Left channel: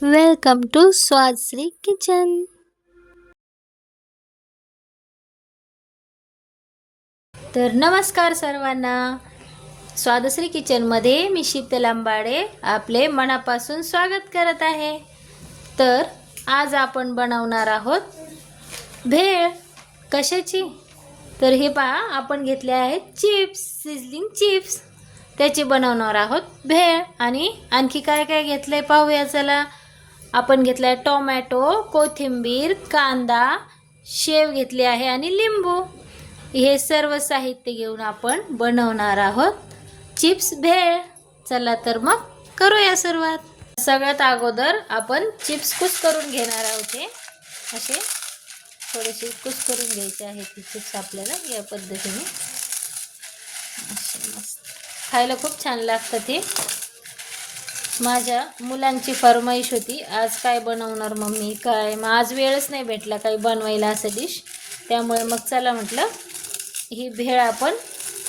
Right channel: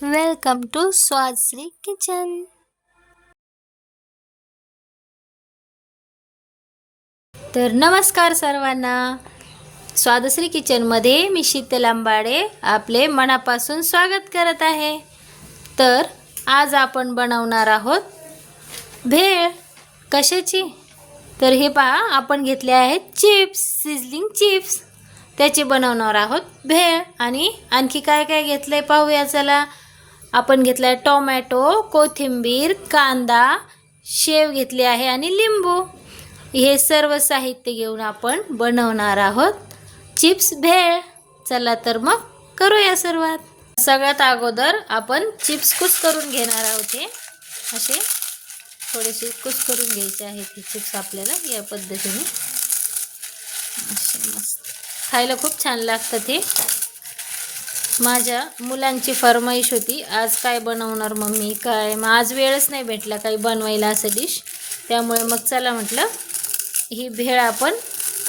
Welcome to स्वादश्री kitchen. तर नमस्कार सर्वांना, स्वादश्री किचनमध्ये मी शीतल आंबाडे आपले मनापासून स्वागत करत आहे। तर आज आपण बनवणार आहोत भेळ। कशाची? तर हे पहा, आपण घेतले आहेत चिप्स, सिझलिंग चिप्स, त्याची बनवणार आहोत भेळ। आणि आणखी काय काय घेतलंय पाहूया चला। आपण घेतलाय टोमॅटो, कोथिंबीर, कांदा, शेव घेतली आहे आणि लिंबू। हे सर्व साहित्य घेऊन आपण बनवणार आहोत चिप्स भेळ। चला तर मग करूया सुरुवात। सगळ्यात अगोदर आपण चिप्स कुस करून घेणार आहोत। हे असे थोडेसे कुस करून घ्यायचे आहेत हे चिप्स आपल्याला या पद्धतीने। असे मस्त खायला खूप छान लागतात हे। माझ्या मुलांची फरमाईश होती, आज काय बनवणार मम्मी काय, मग आज वेळच नाही भेटला काही बनवायला असं डिश, त्यामुळे मग चला म्हटलं ही भेळ आपण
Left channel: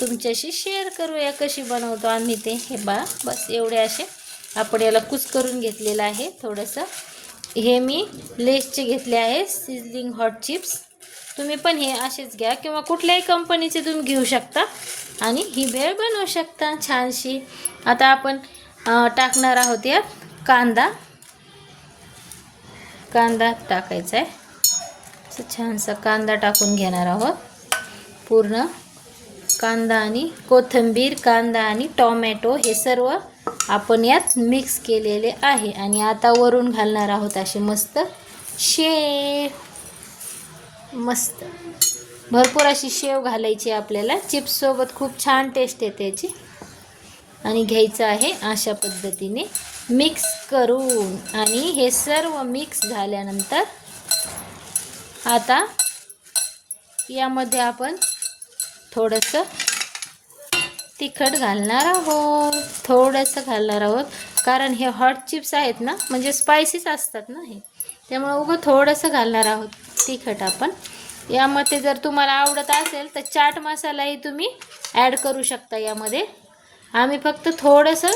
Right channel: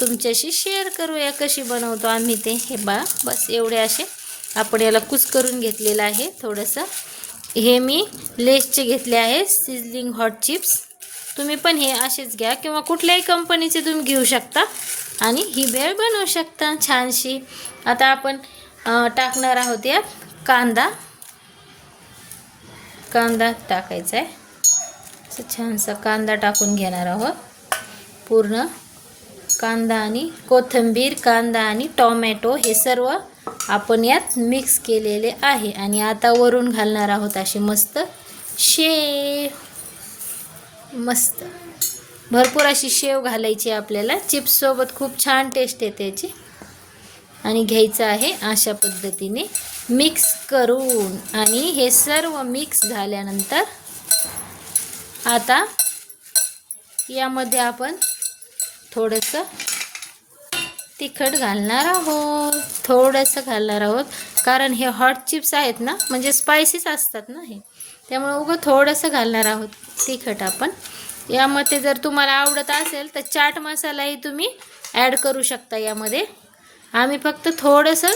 तुमच्याशी शेअर करूया कशी बनवतो आम्ही ते। हे बघा, बस एवढे असे आपण याला कुस करून घेतलेलं आहे थोडंसं। हे मी लेसचे घेतले आहे सिझलिंग हॉट चिप्स। तुम्ही पण हे असेच घ्या किंवा कुठल्याही कंपनीचे तुम्ही घेऊ शकता आणि ही भेळ बनवू शकता छानशी। आता आपण टाकणार आहोत या कांदा टाकायचा आहे। असं छानसा कांदा टाकून घेणार आहोत। पूर्ण कांदा आणि कोथिंबीर, कांदा आणि टोमॅटो हे सर्व आपण यात मिक्स केलेले आहे। आणि आता वरून घालणार आहोत अशी मस्त शेव। मस्त भरपूर अशी शेव घालायची आपल्याला, चिप्स सोबत खूप छान टेस्ट येते याची। आणि घ्यायचं आहे अशा पद्धतीने मिक्स करून। आणि हे सर्व मिक्स झाल्यानंतर आता यामध्ये आपण थोडंसं तिखट घालणार आहोत, कारण हे हॉट चिप्स आहेत ना, म्हणजे स्पायसीच असतात ना हे, त्यामुळे उगं थोडंसं घालणार आहोत तिखट आपण यामध्ये। जर तुम्हाला आवडत असेल तर चाट मसालाही तुम्ही ॲड करू शकता यामध्ये। आम्ही फक्त थोडंसं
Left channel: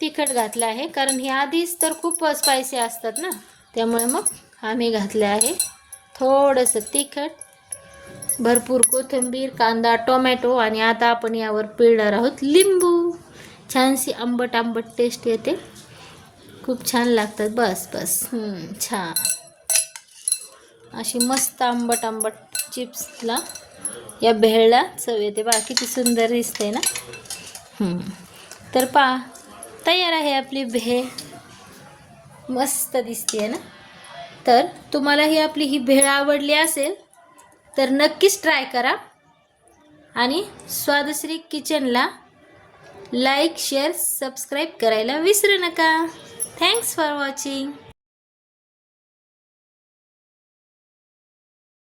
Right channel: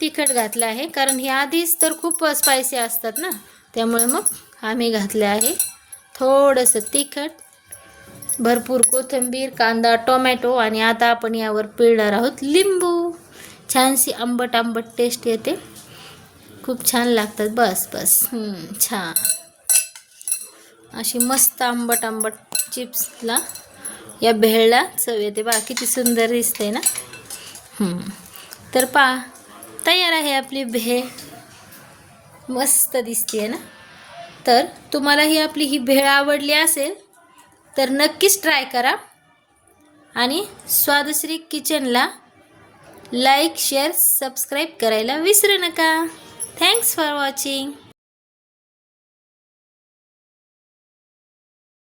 तिखट घातलं आहे, कारण हे आधीच तर खूप स्पायसी असतात ना, त्यामुळे मग आम्ही घातले आहे थोडंसं तिखट, भरपूर कोथिंबीर, कांदा, टोमॅटो। आणि आता आपण यावर पिळणार आहोत लिंबू। छानशी आंबट आंबट टेस्ट येते, खूप छान लागतात। बस बस छान अशी मस्त आंबट आंबट चिप्सला या भेळला चव येते। बघा किती सुंदर दिसते ना। तर पहा, तयार आहे आपली भेळ, मस्त दिसते ना। तर तुम्हाला ही भेळ आवडली असेल तर नक्कीच ट्राय करा आणि स्वादश्री किचनला लाईक, शेअर, सबस्क्राईब करायला विसरू नका। Thanks for watching.